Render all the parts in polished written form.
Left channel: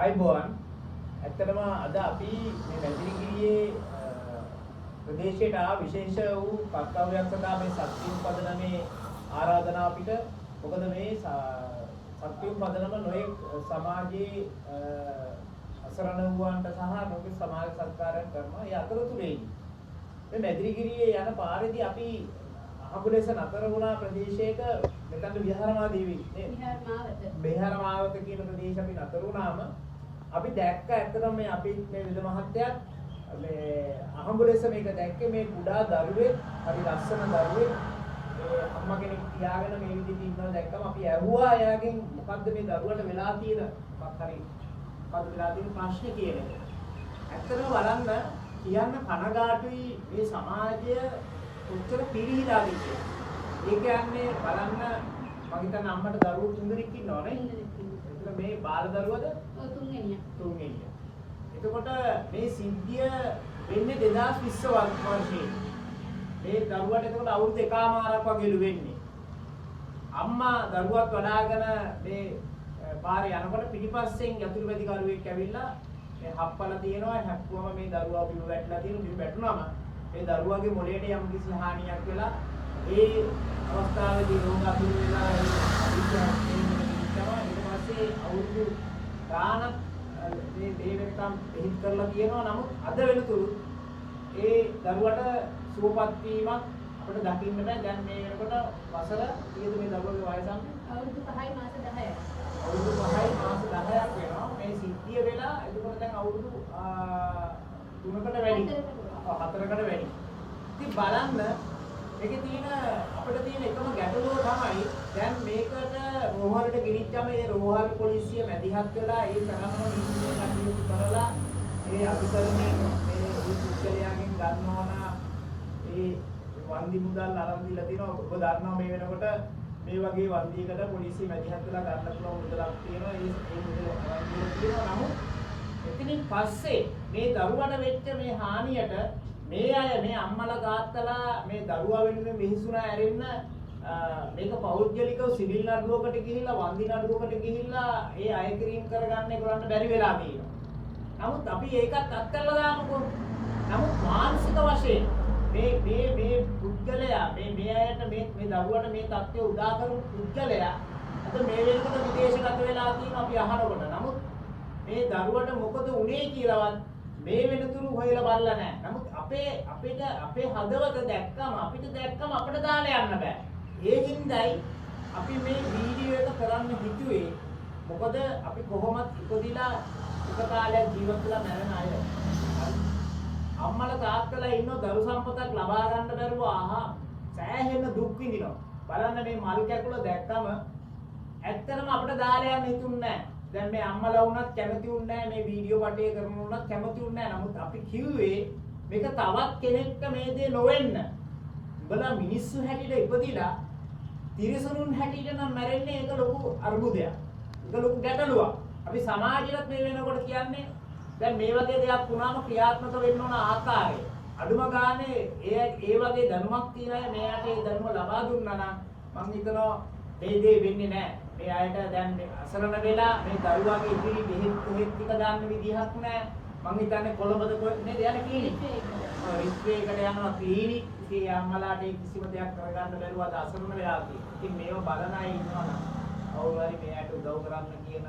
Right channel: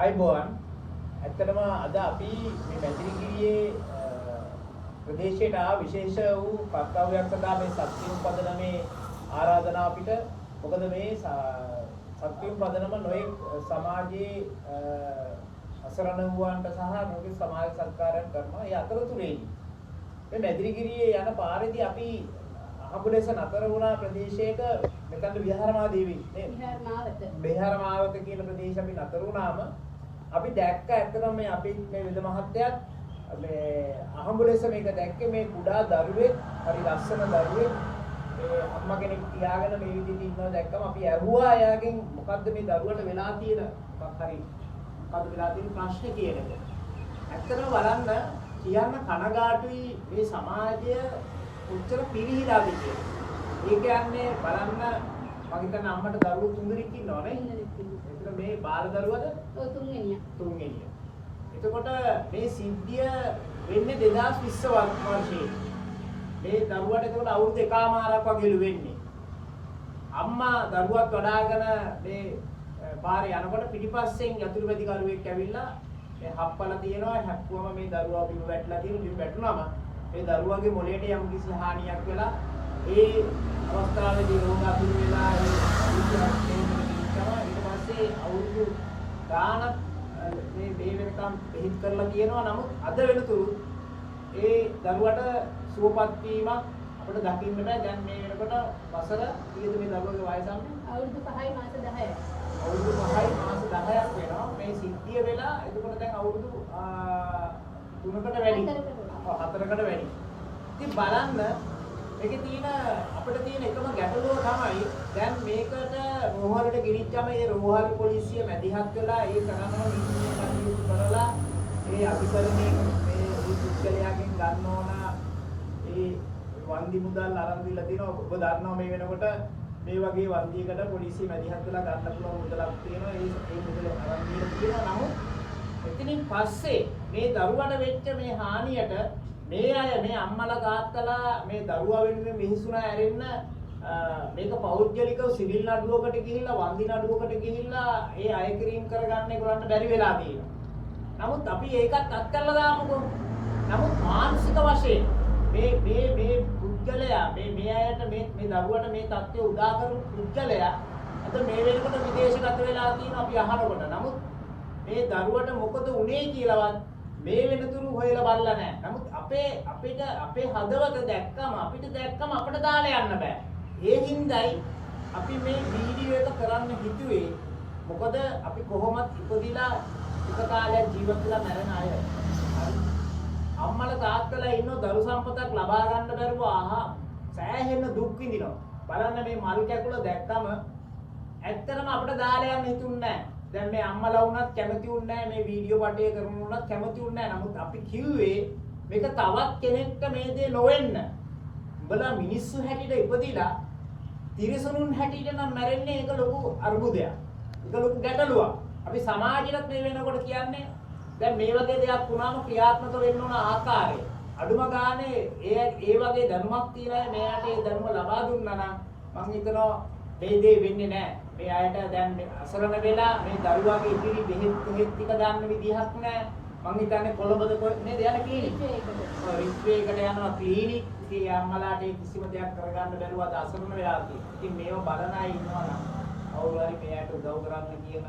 ආයිබෝන් ඇත්තටම අද අපි මේ මැදිරිගිරියේ ප්‍රදේශයට විශේෂ වූ කර්තව්‍යයක් සඳහා මේ සත්‍යම් පදනමේ ආරාධනා අපිට මොකද මේ සත්‍යම් පදනම නොයෙක් සමාජයේ අසරණ වූවන්ට සහ නොයෙක් සමාජ සත්කාරයන් කරනවා. ඒ අතරතුරේදී මේ මැදිරිගිරියේ යන පාරේදී අපි අහඹලෙස නතර වුණා ප්‍රදේශයක මෙතන විහාරමාවදී නේද? විහාරමාවත කියන ප්‍රදේශ අපි නතර වුණාම අපි දැක්ක ඇත්තටම මේ අපි මේ විද මහත්තයත් මේ අහඹලෙස මේක දැක්කේ මේ කුඩා දරුවෙක් හරි ලස්සන දරුවෙක් මේ අම්මා කෙනෙක් තියාගෙන මේ විදිහට ඉන්නවා දැක්කම අපි ඇහුවා එයාගෙන් මොකද්ද මේ දරුවට වෙලා තියෙන මොකක් හරි මොකද්ද වෙලා තියෙන ප්‍රශ්නේ කියන එක. ඇත්තටම බලන්න කියන්න කනගාටුයි මේ සමාජය කොච්චර පිරිහිලාද කියලා. ඒ කියන්නේ බලන්න මම හිතන්නේ අම්මට දරුවෝ 3 දෙනෙක් ඉන්නවා නේ. ඒක මේ බාල දරුවද? ඔව් 3 වෙනියා. එතකොට මේ සිද්ධිය වෙන්නේ 2020 වර්ෂයේ. මේ දරුවට එතකොට අවුරුදු එකමාරක් වගේලු වෙන්නේ. අම්මා දරුවත් වඩාගෙන මේ පාරේ යනකොට පිටිපස්සෙන් යතුරු වැඩිකරුවෙක් ඇවිල්ලා මේ හප්පල තියෙනවා හැප්පුවම මේ දරුවා බිම වැටලා තියෙන බිම වැටුනම මේ දරුවාගේ මොළයට යම් කිසි හානියක් වෙලා ඒ අවස්ථාවේදී රෝගාතුර වෙලා ඊට පස්සේ අවුරුදු ගානක් මේ දෙවියන්ටම පිළිත් කරලා කියනවා. නමුත් අද වෙනතුරු ඒ දරුවට සුවපත් වීමක් අපිට දකින්න බෑ. දැන් මේ වෙනකොට වසර කීයද මේ දරුවගේ වයස අන්නේ? අවුරුදු 5යි මාස 10යි. අවුරුදු 5යි මාස 10ක් වෙනවා මේ සිද්ධිය වෙලා. එතකොට දැන් අවුරුදු 3කට වැඩි. 4කට වැඩි. ඉතින් බලන්න මේකේ තියෙන අපිට තියෙන එකම ගැටලුව තමයි දැන් මේකට රෝහලට ගෙනිච්චම ඒ රෝහල් පොලිසිය මැදිහත් වෙලා ඒ කරනවා නීතිය කටයුතු කරලා ඒ අධිකරණයෙන් මේ පුද්ගලයාගෙන් ගන්න ඕන ඒ වන්දි මුදල් අරන් දීලා තිනවා. ඔබ දන්නවා මේ වෙනකොට මේ වගේ වන්දියකට පොලිසිය මැදිහත් වෙලා ගන්න පුළුවන් මුදලක් තියෙනවා. ඒ මුදල අරන් දීලා තියෙනවා. නමුත් එතනින් පස්සේ මේ දරුවට වෙච්ච මේ හානියට මේ අය මේ අම්මලා තාත්තලා මේ දරුවා වෙනුවෙන් මිහිසුනා ඇරෙන්න මේක පෞද්ගලිකව සිවිල් නඩුවකට ගිහිල්ලා වන්දි නඩුවකට ගිහිල්ලා ඒ අය කිරීම කරගන්න ඒගොල්ලන්ට බැරි වෙලා තියෙනවා. නමුත් අපි ඒකත් අත්හැරලා දාමුකෝ. නමුත් මානසික වශයෙන් මේ පුද්ගලයා මේ අයට මේ දරුවට මේ தත්ත්වය උදා කරපු පුද්ගලයා අද මේ වෙනකොට විදේශගත වෙලා තියෙනවා අපි අහනකොට. නමුත් මේ දරුවට මොකද වුනේ කියලාවත් මේ වෙනතුරු හොයලා බලලා නැහැ. නමුත් අපේ හදවත දැක්කම අපිට දාලා යන්න බෑ. ඒ හින්දායි අපි මේ වීඩියෝ එක කරන්න හිතුවේ. මොකද අපි කොහොමත් ඉපදිලා එක කාලයක් ජීවත් වෙලා මැරෙන අය. හරි. අම්මලා තාත්තලා ඉන්න දරු සම්පතක් ලබා ගන්න බැරුව සෑහෙන දුක් විඳිනවා. බලන්න මේ මල් කැකුල දැක්කම ඇත්තටම අපිට දාලා යන්න හිතුන්නේ නැහැ. දැන් මේ අම්මලා වුණත් කැමති වුණේ නැහැ මේ වීඩියෝ පටය කරනුනත් කැමති වුණේ නැහැ. නමුත් අපි කිව්වේ මේක තවත් කෙනෙක්ට මේ දේ නොවෙන්න. උඹලා මිනිස්සු හැටියට ඉපදිලා තිරිසනුන් හැටියට නම් මැරෙන්නේ ඒක ලොකු අර්බුදයක්. ඒක ලොකු ගැටලුවක්. අපි සමාජයට මේ වෙනකොට කියන්නේ දැන් මේ වගේ දෙයක් වුණාම ක්‍රියාත්මක වෙන්න ඕන ආකාරය. අඩුම ගානේ ඒ වගේ දැනුමක් තියන අය මෙයාට ඒ දැනුම ලබා දුන්නා නම් මම හිතනවා මේ දේ වෙන්නේ නැහැ. මේ අයට දැන් අසරණ වෙලා මේ දරුවාගේ ඉදිරි බෙහෙත් ටික දාන්න විදිහක් නැහැ. මම හිතන්නේ කොළඹද නේද යන්නේ ක්ලිනික්. රිස්වේකට යනවා ක්ලිනික්. ඉතින් අම්මලාට කිසිම දෙයක් කරගන්න බැරුව අද අසරණ වෙලා තියෙනවා. ඉතින් මේව බලන අය ඉන්නවා නම් අවුල් හරි මෙයාට උදව් කරන්න කියන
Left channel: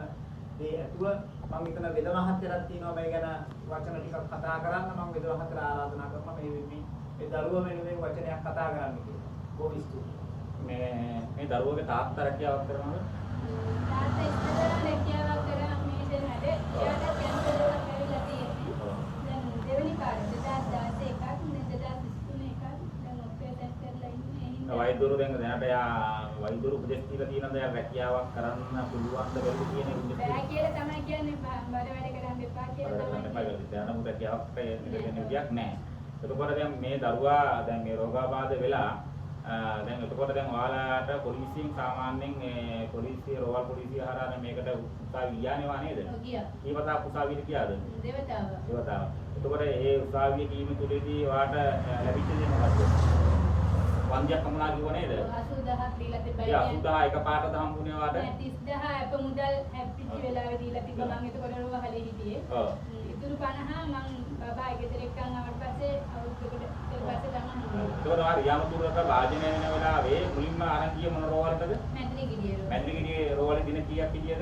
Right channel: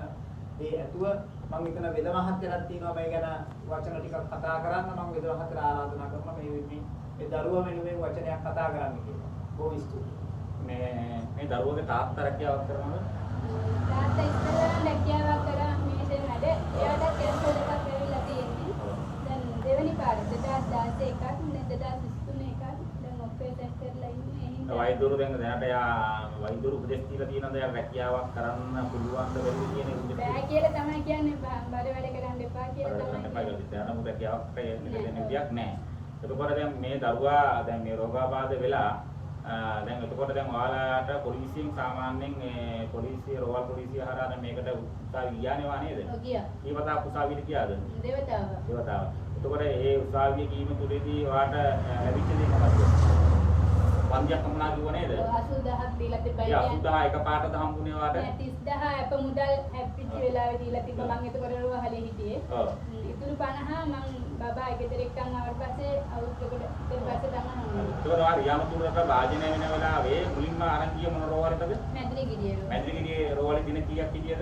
දේ ඇතුව මම හිතන වෙද මහත්තයරක් තියෙනවා මේ ගැන වචන ටිකක් කතා කරන්න. මම වෙද මහත්තයර ආරාධනා කරනවා මේ දරුවා වෙනුවෙන් වචනයක් කතා කරන්න කියලා. බොහොම ස්තුතියි. මේ දරුවගේ තාත්තා රැකියාවක් කරනවද? තාත්තා ඉස්සරහ රැකියාවක් කරා මේ දෙන්නද එයාට කැන්සර් එකක් ඇවිල්ලා තියෙන්නේ. දැන් දෙවෙනි පාරේ 2016 එකක් දැන් 2023 එකක් දැන් ඔපරේෂන් කරලා ඉන්නේ. වෛද්‍යවරු දැනට යා වෛද්‍යවරු උපදෙස් දීලා තියෙනවද යා රැකියාවක් කරන්න පුළුවන්ද වෙන්නේ කියන විදිහට? බෑ කියලා තමයි කියන්නේ. බඩ වැඩ කරන්න එපා කියලා තමයි කියන්නේ. දැන් මොකද රැකියාවක් වෙන විදියක් නැහැ. එතකොට දැන් මේ දරුවා දැන් මේ රෝගාබාධ වෙලා දැන් එතකොට දැන් ඔයාලට පොලිසියෙන් සාමාන්‍යයෙන් පොලිසිය රෝහල් පොලිසිය හරහා මේකට උසාවි ගියානේ නේද? ඔව් ගියා. ඊවතා උසාවියට ගියාද? දෙවතාව. එතකොට ඒ උසාවියේ කීම තුලදී ඔයාලට ලැබිච්ච දේ මොකක්ද? වන්දියක් කමනා කිව්ව නේද? 80000ක් දීලා තිබ්බා. ඒ 80000 එකපාරට හම්බුනේ වාට. 30000 අප මුදල් හැප්පිච්ච වෙලාවේ දීලා තිබ්බා. මම එතකොට රෝහලේ හිටියේ. ඔව්. ඉතුරු 50 මම බබා ගෙදර එක්කන් ආවට පස්සේ අවුරුද්දකට ඊට පස්සේ තමයි. ඒතකොට ආ රියාමපුරට වාදනය වෙන වෙලාවේ මුලින්ම අරන් ගිය මොන රෝවලටද? මැදිරිගිරියේ. මැදිරිගිරියේ රෝවලේ දින කීයක් හිටියද?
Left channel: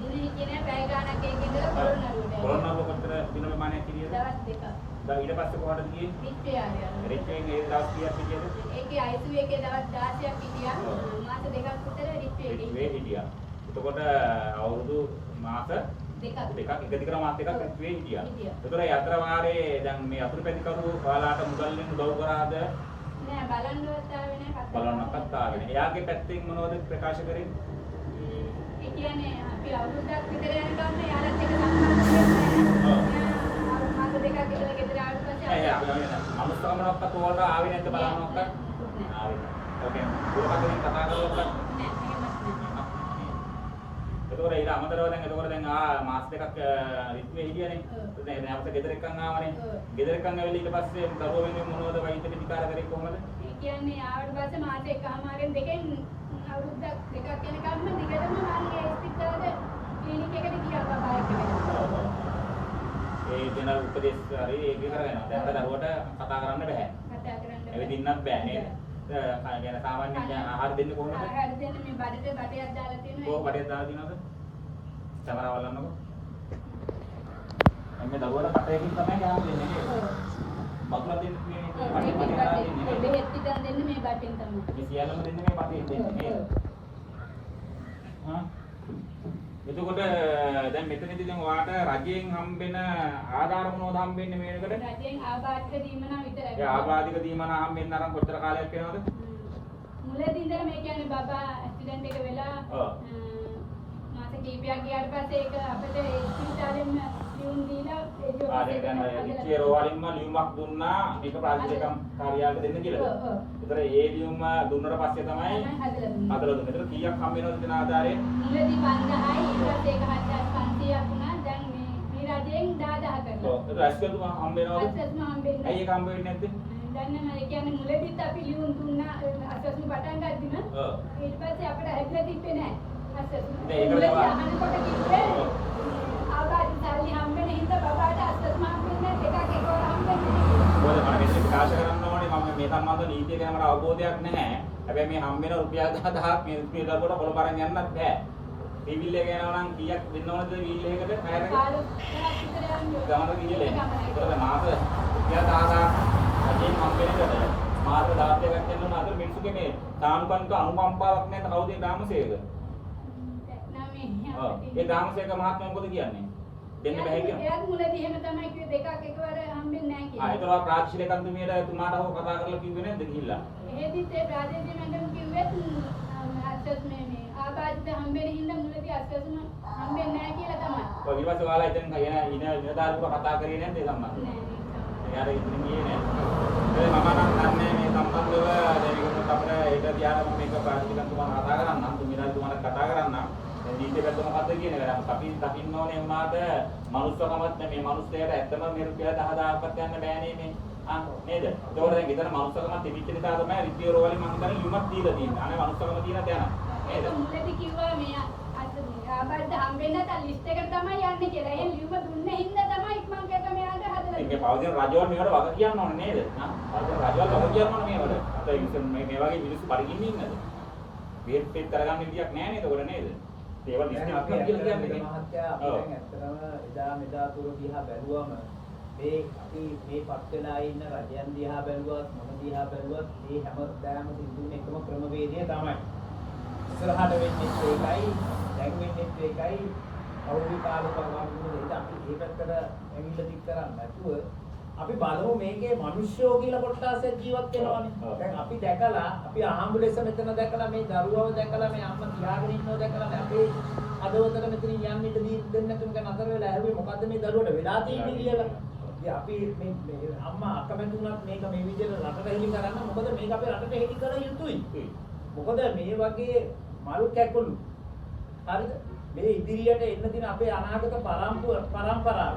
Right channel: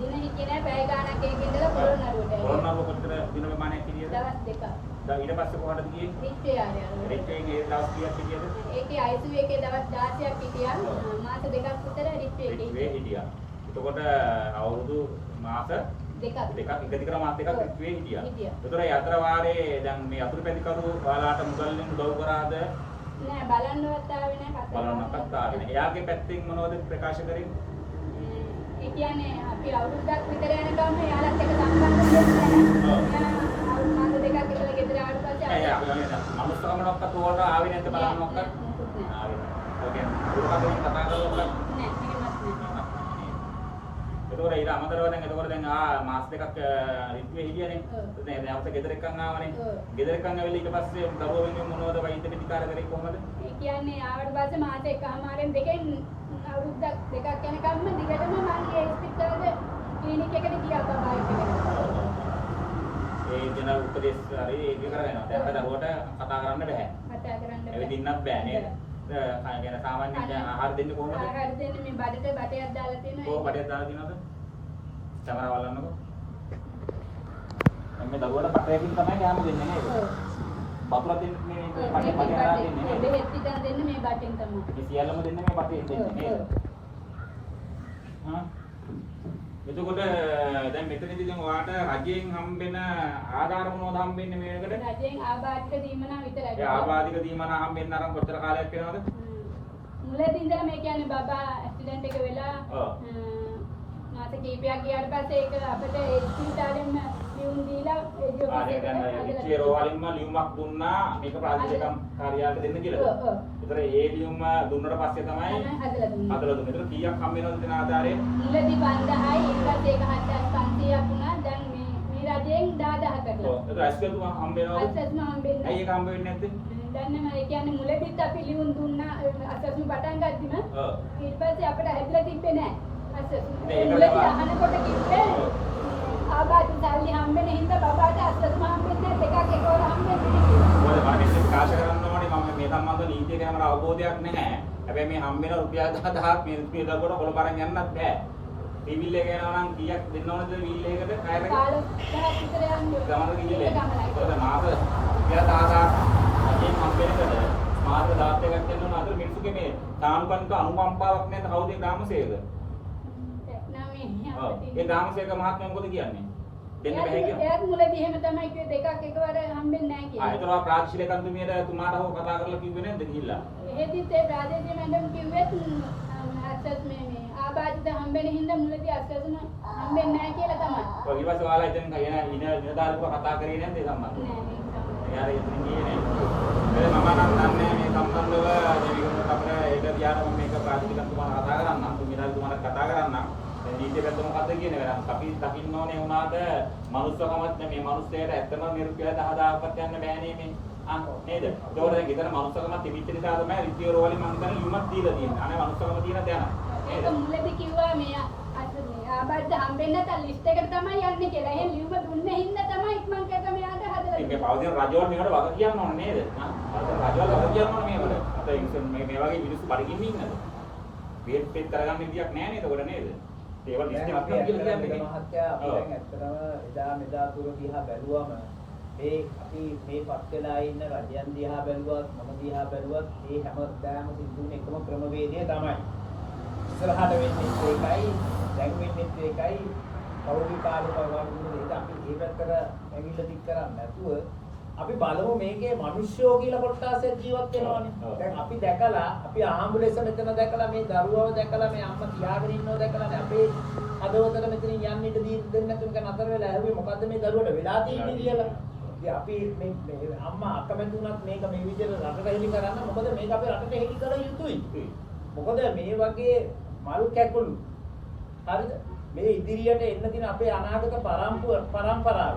දින හිටියේ නෑ පැය ගාණක් එකේ ඉඳලා පොළොන්නරුවට. පොළොන්නරුව කොච්චර දින ප්‍රමාණයක් හිටියද? දවස් දෙකක්. දැන් ඊට පස්සේ කොහටද ගියේ? රිච්චේ ආරය. රිච්චේ මේ දවස් කීයක් හිටියද? ඒකේ ICU එකේ දවස් 16ක් හිටියා. මාස දෙකක් විතර රිච්චේ එකේ රිච්චේ හිටියා. එතකොට අවුරුදු මාස දෙකක් එක දිගට මාස දෙකක් රිච්චේ හිටියා. හිටියා. ඒතර ඒ අතර වාරේ දැන් මේ අතුරු පැතිකරු ඔයාලාට මුදල් දෙන්න උදව් කරාද? නෑ බලන්නවත් ආවේ නෑ කතා බලන්නත් ආවේ නෑ. එයාගේ පැත්තෙන් මොනවද ප්‍රකාශ කරේ? ඒ කියන්නේ අපි අවුරුද්දක් විතර යනකම් යාළුවත් එක්ක සම්බන්ධ වෙන්නේ නෑ. එයා මාස දෙකක් විතර ගෙදර ආවට පස්සේ අමුස්තකමනක්වත් ඕකට ආවේ නැද්ද බලන්නක්වත්? ආවේ නෑ. ඕකේ. දුරකථනයෙන් කතා කරලත් නෑ එහෙමත් නෑ. එතකොට ඊට අමතරව දැන් මාස දෙකක් රිත්වේ හිටියනේ. දැන් අපිට ගෙදර එක්කන් ආවනේ. ගෙදර එක්කන් ඇවිල්ලා ඊට පස්සේ දරුවෝ වෙනුවෙන් මොනවද වෛද්‍ය ප්‍රතිකාර කරේ කොහමද? ඒ කියන්නේ ආවට පස්සේ මාස එකමාරෙන් දෙකෙන් අවුරුද්දක් දෙකක් යනකම්ම දිගටම මම ඒ ඉස්පිරිතාලේ ක්ලිනික් එකට ගියා බබා එක්කගෙන. ඒ දෙන උපදේශ හරි ඒක කරගෙන. දැන් දරුවට කතා කරන්න බෑ. කතා කරන්න බෑ. එවෙදින්නත් බෑ නේද? يعني සාමාන්‍යයෙන් ආහාර දෙන්නේ කොහොමද? ආහාර දෙන්නේ මේ බඩට බටයක් දාලා තියෙනවා. කොහොම බඩේ දාලා තියෙනවද? සමහර වලන්නකො. එන්නේ දරුවට බටයකින් තමයි කැම දෙන්නේ නේද? වතුරක් දෙන්නේ මේ බටේ දෙන්නේ නේද? බෙහෙත් පිටන් දෙන්නේ මේ බටෙන් තමයි. මේ සියල්ලම දෙන්නේ මේ බටේ දෙන්නේ නේද? හා එතකොට දැන් මෙතනදී දැන් ඔයාට රජයෙන් හම්බෙන ආධාර මොනවද හම්බෙන්නේ මේකට? රජයෙන් ආබාධික දීමනා විතරයි. ඒ ආබාධික දීමනා හම්බෙන්න අරන් කොච්චර කාලයක් වෙනවද? මුලදී ඉඳලා මේ කියන්නේ බබා ඇක්සිඩන්ට් එක වෙලා මාස කිහිපයක් ගියාට පස්සේ ඒක අපිට ඒ ඉස්පිරිතාලෙන් ලියුම් දීලා ඒ ජොබ් එක ඒ රෝවලින්ම ලියුමක් දුන්නා මේක ප්‍රාදේශික කාර්යාලයට දෙන්න කියලා. ඒතර ඒ ලියුම දුන්නට පස්සේ තමයි හදලා දුන්නේ. හදලා දුන්නේ. ඒතර කීයක් හම්බ වෙනවද කියන ආධාරයෙන්? මුලදී 5000යි ඊට පස්සේ 1500ක් වුණා. දැන් මේ රජයෙන් 10000 කරලා. ඔව්. ඒතර ඇස්කල්තු හම්බ වෙනවද? අසස්ම හම්බෙන්නේ. ඇයි ඒක හම්බ වෙන්නේ නැත්තේ? දැන් නම් ඒ කියන්නේ මුලදීත් අපි ලියුම් දුන්නා අසස්ම පටන් ගද්දිම ඊට පස්සේ අපිට හැදලා තිබ්බේ නෑ. මුලදී අහනකොට කිව්වේ ආබාධිත සල්ලි හම්බෙන හින්දා බබාට අසස්ම හම්බෙන්නේ දෙකක් එකවර හම්බෙන්නේ මොකද මම මේක ප්‍රකාශ කරන්න ඕනේ මම මේ සම්බන්ධ නීතිය ගැන මට අවබෝධයක් නැහැ. හැබැයි මේ හම්බෙන රුපියල් 10000ක් මේ රුපියල් ලබන කොළ බරන් යන්නත් බෑ. ටීවිල් එක යනවා නම් කීයක් දෙන්න ඕනද වීල් එකකට ටයර් එක? 15000ක් විතර යන්නේ. ගමන වීල් එක. ඒක මාස රුපියල් 10000ක් අදින් හම්බෙන්නේ මාස 10ක් යනකොට අද මිනිස්සුගේ මේ සාම්පන්ක අනුකම්පාවක් නැත්නම් කවුද ඒ ගාමසේක? ඒ ගාමසේක මහත්මයා මොකද කියන්නේ? දෙන්න බෑ කියන්නේ. එයාත් මුලදී එහෙම තමයි කිව්වේ දෙකක් එකවර හම්බෙන්නේ නැහැ කියලා. ඒතර ප්‍රාක්ෂික කන්දුමියට තුමාට හො කතා කරලා කිව්වේ නැද්ද ගිහිල්ලා? එහෙදිත් ඒ ප්‍රාදේශීය මැඩම් කිව්වෙත් අසස් මේ ආබාධිත හම්බෙන හින්දා මුලදී අසස්ම හම්බෙන්නේ නැහැ කියලා තමයි. ඔය ඊවස ඔයාලා ඉතින් නිලධාරිකව කතා කරේ නැද්ද ඒ සම්බන්ධව? එයාට ඉතින් ගියේ නැහැ. ඒ මම නම් දන්නේ මේ සම්බන්ධව දැන් අපිට ඒක කියන මේක ප්‍රාදේශීය කන්දුමාට කතා කරන්නම්, තුමිනාතුමාට කතා කරන්නම්. නීතියට මොකද්ද කියන එක අපි දකින්න ඕනේ වුණාට මනුස්සකමත් මේ මනුස්සයාට ඇත්තම නිරුක්තිය 10000ක්වත් යන්න බෑනේ මේ නේද? ඒකෝට දැන් ගෙදර මනුස්සකමත් තිබිච්ච නිසා තමයි රිපියෝ රෝවලින් මම හිතන්නේ ලියුමක් දීලා තියෙන්නේ. අනේ මනුස්සකම තියෙන තැන. ඒක මුලදී කිව්වා මේ ආබාධිත හම්බෙන්නේ නැත්නම් ලිස්ට් එකට තමයි යන්නේ කියලා. එහෙන් ලියුම දුන්නේ හින්දා තමයි ඉක්මන් කරලා මෙයාට හදලා ඉතින් පෞද්ගලික රජවල් මේකට වග කියන්න ඕනේ නේද? පෞද්ගලික රජවල් වග කියන්න ඕනේ මේවට. අපේ මේ වගේ මිනිස්සු බඩගින්න ඉන්නද? වේත් කරගන්න විදියක් නැහැ නේද? ඒකට නේද? ඒවා ලිස්ට් අපි ඇත්තටම මහත්තයා අපි දැන් ඇත්තටම එදා මෙදා තුර දිහා බැලුවම මේ අපි මේ පත් වෙලා ඉන්න රජයන් දිහා බැලුවත් මොන දිහා බැලුවත් මේ හැමදාම සිදුවෙන එකම ක්‍රමවේදය තමයි. ඉස්සරහට වෙන්නේ ඒකයි දැන් වෙන්නේ ඒකයි කවුරු කාලේ වගේ අපි මේ පැත්තට ඇඟිල්ල දික් කරන්නේ නැතුව අපි බලමු මේකේ මිනිස්සුયો කියලා කොටසක් ජීවත් වෙනවනේ. දැන් අපි දැකලා අපි ආම්බුලන්ස් මෙතන දැකලා මේ දරුවව දැකලා මේ අම්මා තියාගෙන ඉන්නව දැකලා අපේ හදවතට මෙතනින් යන්න ඉඩ දෙන්න නැතුව නතර වෙලා ඇහුවේ මොකද්ද මේ දරුවට වෙලා තියෙන්නේ කියලා. ඉතින් අපි මේ අම්මා අකමැති වුණත් මේක මේ විදිහට රටට හෙළි කරන්න මොකද මේක අපේ රටට හෙළි කළ යුතුයි. මොකද මේ වගේ මල් කැකුළු හරිද මේ ඉදිරියට එන්න තියෙන අපේ අනාගත පරම්පරාව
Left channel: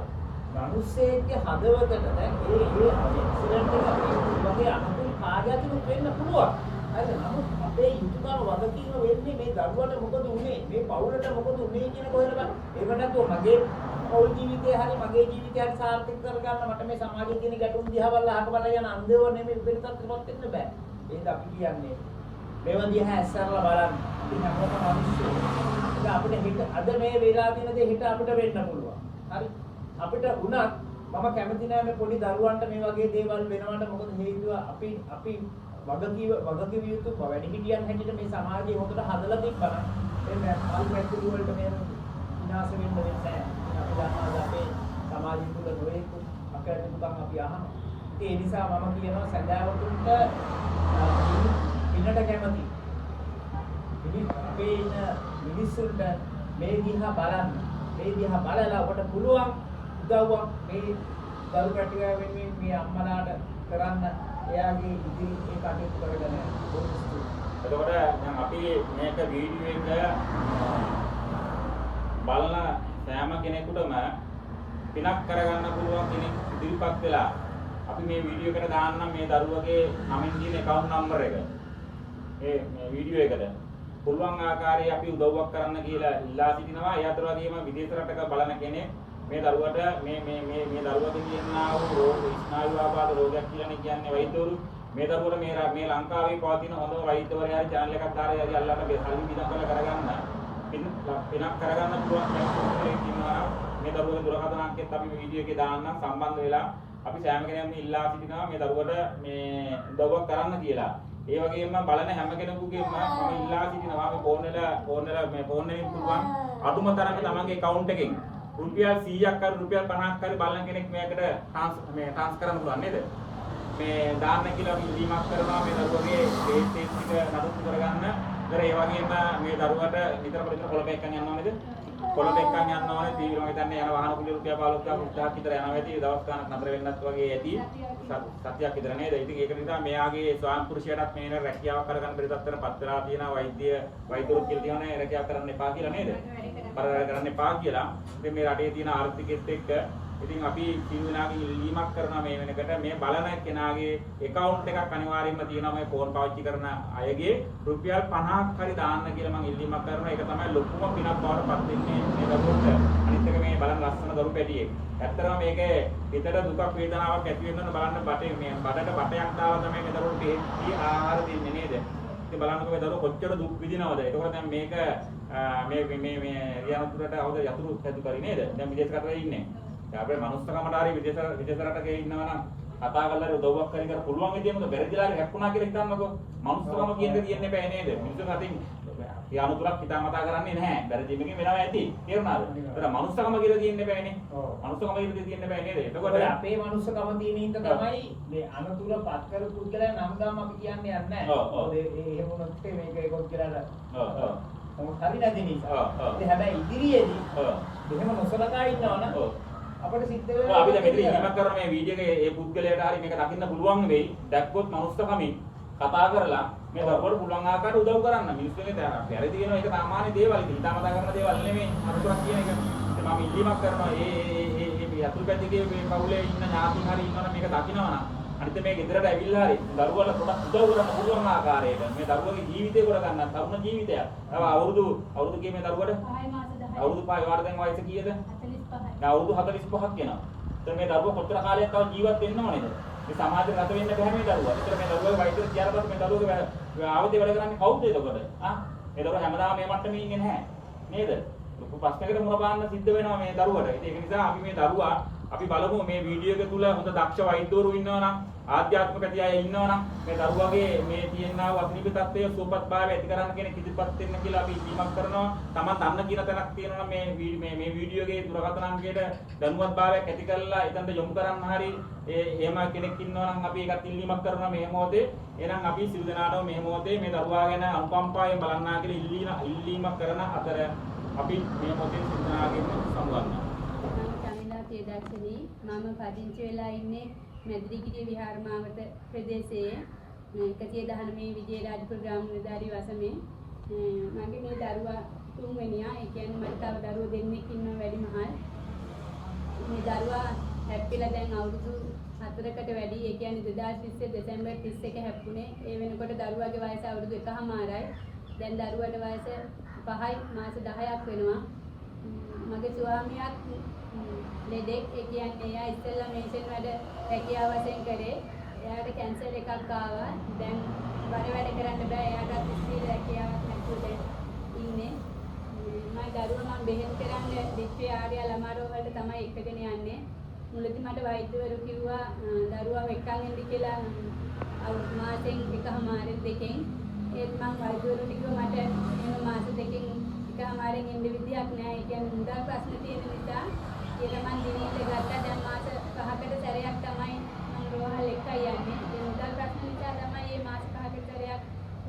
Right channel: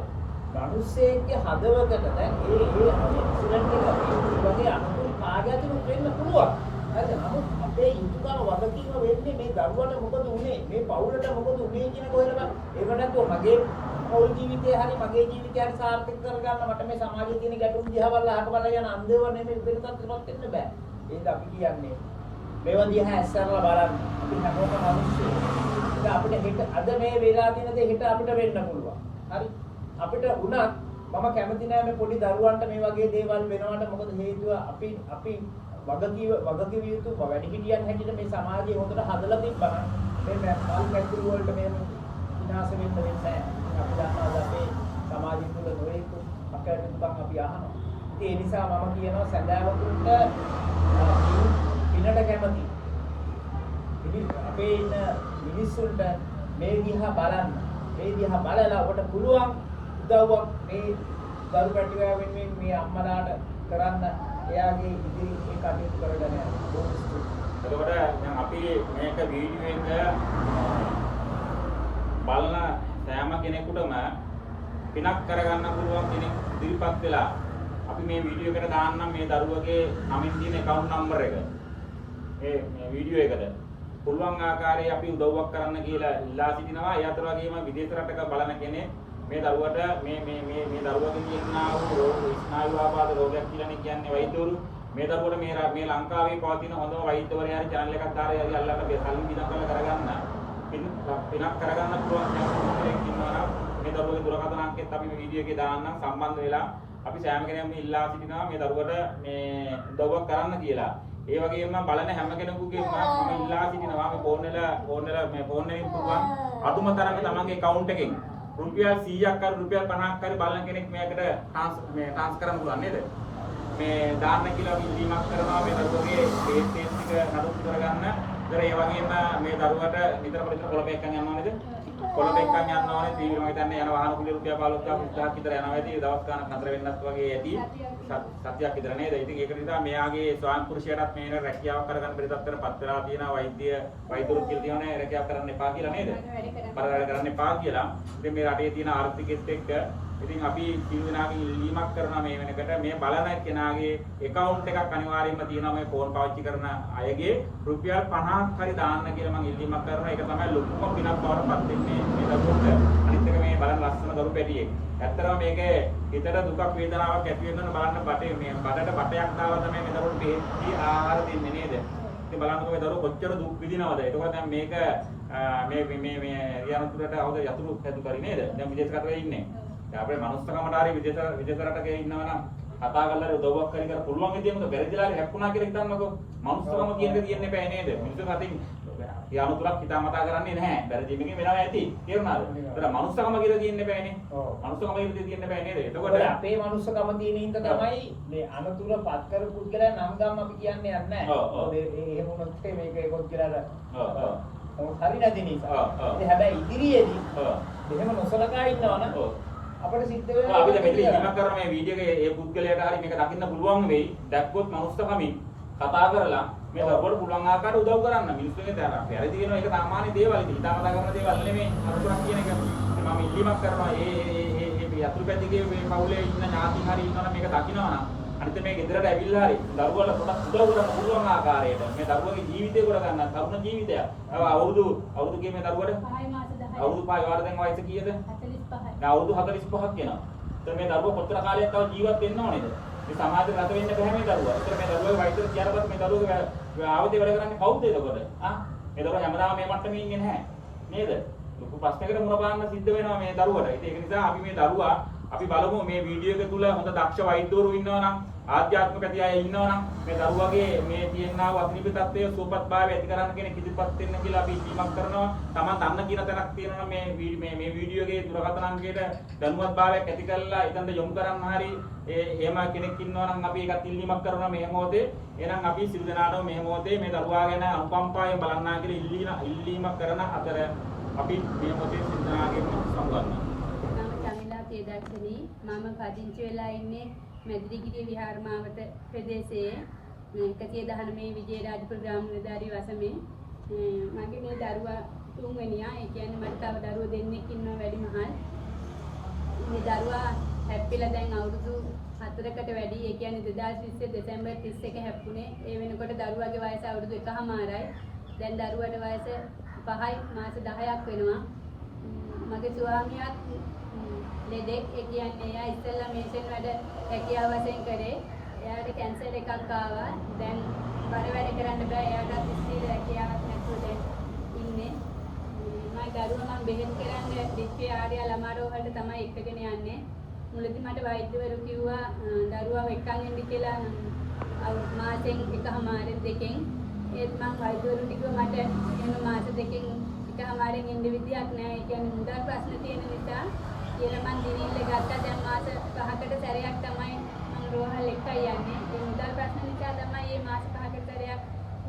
මිනිස්සෙක්ගේ හදවතට දැන් ඒ ඇක්සිඩන්ට් එක මේ වගේ අනුකූල කාර්යයකට වෙන්න පුළුවන්. හරිද? නමුත් අපේ යුතුයකම වගකීම වෙන්නේ මේ දරුවට මොකද උනේ? මේ පවුලට මොකද උනේ කියන කොහෙද බලන්න. එහෙම නැත්නම් මගේ පෞල් ජීවිතය හරි මගේ ජීවිතය හරි සාර්ථක කරගන්න මට මේ සමාජයේ තියෙන ගැටුම් දිහා බලලා අහක බලලා යන අන්ධව නෙමෙයි වෙන තත්ත්වයකට වෙන්න බෑ. ඒක අපි කියන්නේ මේවා දිහා ඇස්සරලා බලන්න. අපි හැමෝටම අවශ්‍යයි. ඒක අපිට හෙට අද මේ වෙලා තියෙන දේ හෙට අපිට වෙන්න පුළුවන්. හරි? අපිට උනත් මම කැමති නෑ මේ පොඩි දරුවන්ට මේ වගේ දේවල් වෙනවට මොකද හේතුව අපි වගකීව යුතු වැඩිහිටියන් හැටියට මේ සමාජය හොඳට හදලා තිබ්බම මේ පාල් කැටුරු වලට මේ විනාශ වෙන්න වෙන්නේ නැහැ. අපි දන්නවා අපේ සමාජය තුළ නොයෙකුත් අකටයුතුකම් අපි අහනවා. ඒ නිසා මම කියනවා සැදැවතුන්ට පිනට කැමති. ඉතින් අපේ ඉන්න මිනිස්සුන්ට මේ දිහා බලන්න. මේ දිහා බලලා ඔබට පුළුවන් උදව්වක් මේ දරු පැටියා වෙනුවෙන් මේ අම්මලාට කරන්න එයාගේ ඉදිරි ඒ කටයුතු කරගෙන යනවා. එතකොට දැන් අපි මේක වීඩියෝ එක බලන සෑම කෙනෙකුටම පිනක් කරගන්න පුළුවන් කෙනෙක් ඉදිරිපත් වෙලා අපි මේ වීඩියෝ එකට දාන්නම් මේ දරුවගේ නමින් තියෙන account number එක. මේ වීඩියෝ එකට පුළුවන් ආකාරයේ අපි උදව්වක් කරන්න කියලා ඉල්ලා සිටිනවා. ඒ අතර වගේම විදේශ රටක බලන කෙනෙක් මේ දරුවට මේ දරුවගේ කියනා වූ ස්නායු ආබාධ රෝගයක් කියලා කියන්නේ වෛද්‍යවරු මේ දරුවට මේ ලංකාවේ පවතින හොඳම වෛද්‍යවරයා channel එකක් දාලා යරි අල්ලන්න හරින් විඳන් කරලා කරගන්න පිනක් කරගන්න පුළුවන් කෙනෙක් ඉන්නවා. මේ දරුවගේ දුරකථන අංකෙත් අපි මේ වීඩියෝ එකේ දාන්නම් සම්බන්ධ වෙලා අපි සෑම කෙනෙක්ම ඉල්ලා සිටිනවා මේ දරුවට මේ උදව්වක් කරන්න කියලා. ඒ වගේම බලන හැම කෙනෙකුගේම මම ඉල්ලා සිටිනවා මේ ෆෝන් වලින් පුළුවන් අදුම තරමේ තමන්ගේ account එකෙන් රුපියල් 100ක් හරි රුපියල් 50ක් හරි බලන කෙනෙක් මේකට ට්‍රාන්ස් කරන්න පුළුවන් නේද? මේ දාන්න කියලා අපි ඉල්ලීමක් කරනවා මේ දරුවගේ ඩේට් එක නඩත්තු කරගන්න. ඒ වගේම මේ දරුවට නිතරම කොළඹ එක්කන් යනවා නේද? කොළඹ එක්කන් යනවා ඕනේ තීව්‍ර මම හිතන්නේ යන වාහන කුලිය රුපියල් 15000ක් විතර යනවා ඇති. දවස් ගානක් නතර වෙන්නත් වගේ ඇති. සතියක් විතර නේද? ඉතින් ඒක නිසා මෙයාගේ ස්වාම පුරුෂයාට මේ රැකියාවක් කරගන්න බැරි තත්ත්වයකට පත් වෙලා තියෙනවා. වෛද්‍යවරු කියලා තියෙනවා රැකියාව කරන්න එපා කියලා නේද? වැඩ කරන්න එපා කියලා. ඉතින් මේ රටේ තියෙන ආර්ථිකෙත් එක්ක ඉතින් අපි සියුනාගේ ඉල්ලීමක් කරනවා මේ වෙනකොට මේ බලන කෙනාගේ account එකක් අනිවාර්යයෙන්ම තියෙනවා මේ ෆෝන් පාවිච්චි කරන අයගේ රුපියල් 50ක් හරි දාන්න කියලා මම ඉල්ලීමක් කරනවා. ඒක තමයි ලොකුම පිනක් බවට පත් වෙන්නේ මේ දරුවන්ට. අනිත් එක මේ බලන ලස්සන දරු පැටියෙක්. ඇත්තටම මේක හිතට දුකක් වේදනාවක් ඇති වෙනවා බලන්න බටේ මේ බඩට බටයක් දාලා තමයි මේ දරුවන්ට තේටි ආහාර දෙන්නේ නේද? ඉතින් බලන්නකෝ මේ දරුවෝ කොච්චර දුක් විඳිනවද? ඒකෝර දැන් මේක මේ රියානතුරට අවුද යතුරු හැදු කරේ නේද? දැන් විදේශ රටවල ඉන්නේ. දැන් අපේ මනුස්සකමට හරි විදේශ රටක ඉන්නවා නම් කතා කරලා උදව්වක් කරලා පුළුවන් විදිහට බැරිදලා හැප්පුණා කියලා හිතන්නකෝ. මනුස්සකම කියන්නේ තියන්නේ බෑ නේද? මිනිස්සු රටින් රියානතුරක් හිතාමතා කරන්නේ නැහැ. බැරි ජීවිතේ වෙනවා ඇති. තේරුණාද? ඒක මනුස්සකම කියලා තියන්නේ බෑනේ. මනුස්සකම කියලා තියන්නේ බෑ නේද? එතකොට අපේ මනුස්සකම තියෙන හින්දා තමයි මේ අනතුර පත් කරු පුද්ගලයන් නම් ගම් අපි කියන්නේ නැහැ. එහෙම වුණොත් මේක කොච්චරද? හරි නැති නිසා. ඉතින් හැබැයි ඉදිරියේදී එහෙම නොසලකා ඉන්නවනම් අපිට සිද්ධ වෙනවා අපි දැන් මෙතන ඉන්න කරන මේ වීඩියෝ එකේ ඒ පුද්ගලයාට හරි මේක දකින්න පුළුවන් වෙයි. දැක්කොත් මනුස්සකමින් කතා කරලා මේ දරුවෝ පුළුවන් ආකාරයට උදව් කරන්න. මිනිස්සුනේ දැන් වැරදි වෙනවා ඒක සාමාන්‍ය දේවල්. හිතාමතා කරන දේවල් නෙමෙයි. අනුකම්පාව කියන එක. මම ඉල්ලීමක් කරනවා මේ යතුරු පැදිගේ මේ පවුලේ ඉන්න ඥාති හරි ඉන්නවනම් මේක දකින්නවනම් අනිත් මේ ගෙදරට ඇවිල්ලා හරි දරුවල පොඩක් උදව් කරන්න පුළුවන් ආකාරයට මේ දරුවගේ ජීවිතේ කර ගන්න තරුණ ජීවිතයක්. අවුරුදු කීයේ මේ දරුවට? 5 මාස 10. අවුරුදු 5 වර්ධන වයස කීයද? 45. අවුරුදු 45ක් වෙනවා. එතකොට මේ දරුවා කොතර කාලයක් තව ජීවත් වෙන්න ඕනේද? මේ සමාජයේ රට වෙන්න බෑ මේ දරුවා. ඒතර මේ දරුවා වයසට ගියාට පස්සේ මේ දරුවගේ ආවදේ වැඩ කරන්නේ කවුද එතකොට? මේ දරුවා හැමදාම මේ මට්ටමේ ඉන්නේ නැහැ. නේද? ලොකු ප්‍රශ්නයකට මුණ පාන්න සිද්ධ වෙනවා මේ දරුවට. ඒක නිසා අපි මේ දරුවා අපි බලමු මේ වීඩියෝ එක තුල හොඳ දක්ෂ වෛද්‍යවරු ඉන්නවා නම් ආධ්‍යාත්මික අය ඉන්නවා නම් මේ දරුවාගේ මේ තියෙනා වස්නිපි තත්ත්වයේ සුවපත්භාවය ඇති කරන්න කෙනෙක් ඉදිරිපත් වෙන්න කියලා අපි ඉල්ලීමක් කරනවා. Taman අන්න කියන තැනක් තියෙනවා මේ වීඩියෝ එකේ දුරකථන අංකයට දැනුවත්භාවයක් ඇති කරලා එතනට යොමු කරන්න හරි එහෙම කෙනෙක් ඉන්නවා නම් අපි ඒකත් ඉල්ලීමක් කරනවා මේ මොහොතේ. එහෙනම් අපි සිල් දනාඩෝ මේ මොහොතේ මේ දරුවා ගැන අනුකම්පාවෙන් බලන්නා කියලා ඉල්ලීමක් කරන අතර අපි මේ මොහොතේ සිල් දනාගෙම සමුගන්නවා. තේදර්ශනී මම පදිංචි වෙලා ඉන්නේ මැදිරිගිරිය විහාර මාවත ප්‍රදේශයේ 119 විජේරාජපුර ග්‍රාම නිලධාරී වසමේ මගේ මේ දරුවා තුන්වෙනියා ඒ කියන්නේ මට තව දරුවෝ දෙන්නෙක් ඉන්නවා වැඩිමහල් මේ දරුවා හැප්පිලා දැන් අවුරුදු 4කට වැඩි. ඒ කියන්නේ 2020 දෙසැම්බර් 31 හැප්පුණේ. ඒ වෙනකොට දරුවාගේ වයස අවුරුදු 1මාරයි. දැන් දරුවට වයස 5යි මාස 10ක් වෙනවා. මගේ ස්වාමියාත් ලෙඩෙක්. ඒ කියන්නේ එයා ඉස්සෙල්ලා මේෂන් වැඩ හැකියාව වශයෙන් කරේ. එයාට කැන්සර් එකක් ආවා. දැන් බඩ වැඩ කරන්න බෑ. එයාටත් ස්ථිර හැකියාවක් නැතුව දැන් ඉන්නේ. මම දරුවා බෙහෙත් කරන්න දිස්ත්‍රික්ක ආර්ය ළමාරෝහලට තමයි එක්කගෙන යන්නේ. මුලදී මට වෛද්‍යවරු කිව්වා දරුවාව එක්කන් එන්න කියලා මාසෙන් එකමාරෙන් දෙකෙන්. ඒත් මම වෛද්‍යවරුන්ට කිව්වා මට එහෙම මාස දෙකෙන් එකමාරෙන් ඉන්න විදියක් නෑ. ඒ කියන්නේ මුදල් ප්‍රශ්න තියෙන නිසා කියලා මම දිනිල්ල ගත්තා. දැන් මාස 5කට සැරයක් තමයි මම රෝහල් එකයි යන්නේ. ඒ මුදල් ප්‍රශ්න නිසා තමයි මේ මාස 5කට සැරයක්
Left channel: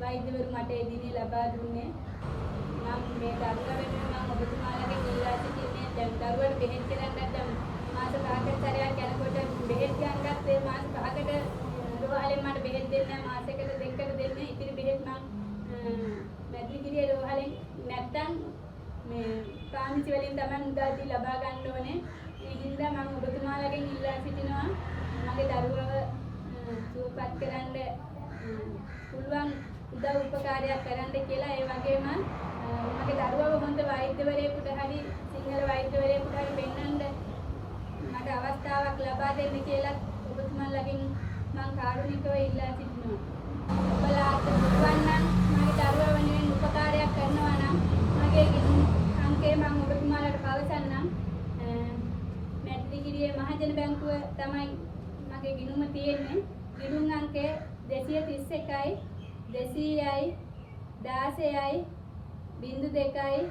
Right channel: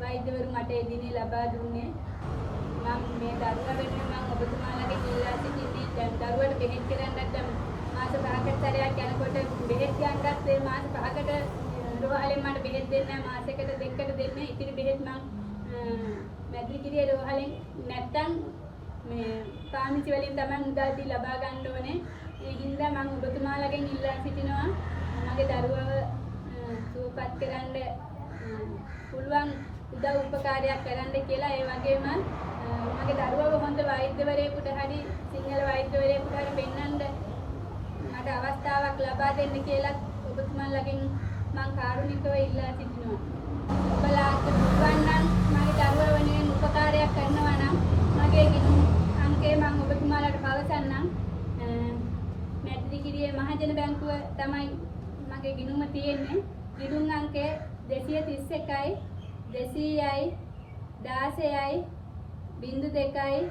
වෛද්‍යවරු මට ඒ දිනේ ලබා දුන්නේ. මම මේ දරුවා වෙනුවෙන් මම ඔබතුමාලගෙන් ඉල්ලා සිටින්නේ දැන් දරුවට බෙහෙත් කරන්නත් දැන් මාස 5කට සැරයක් යනකොට බෙහෙත් ගන්නත් ඒ මාස 5කට රෝහලෙන් මට බෙහෙත් දෙන්නේ නැහැ. මාසයකට දෙකකට දෙන්නේ. ඉතිරි බෙහෙත් මම මැදිරිගිරිය රෝහලෙන් නැත්තම් මේ පාමිචි වලින් තමයි මුදල් දී ලබා ගන්න ඕනේ. ඒ හින්දා මම ඔබතුමාලගෙන් ඉල්ලා සිටිනවා මගේ දරුවව සුවපත් කරන්න පුළුවන් උදව් උපකාරයක් කරන්න කියලා. ඒ වගේම මගේ දරුවව හොඳ වෛද්‍යවරයෙකුට හරි සිංහල වෛද්‍යවරයෙකුට හරි පෙන්වන්න මට අවස්ථාවක් ලබා දෙන්න කියලා ඔබතුමාලගෙන් මම කාරුණිකව ඉල්ලා සිටිනවා. ඔබලාට පුළුවන් නම් මගේ දරුවා වෙනුවෙන් උපකාරයක් කරනවා නම් මගේ ගිණුම් අංකය මම ඔබතුමාලට පවසන්නම්. මැදිරිගිරියේ මහජන බැංකුව තමයි මගේ ගිණුම තියෙන්නේ. ගිණුම් අංකය 231යි 200යි 16යි 02යි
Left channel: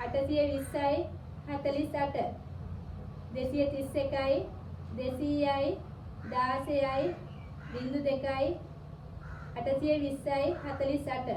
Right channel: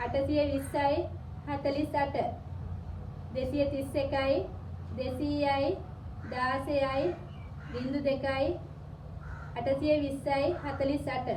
820යි 48 231යි 200යි 16යි 02යි 820යි 48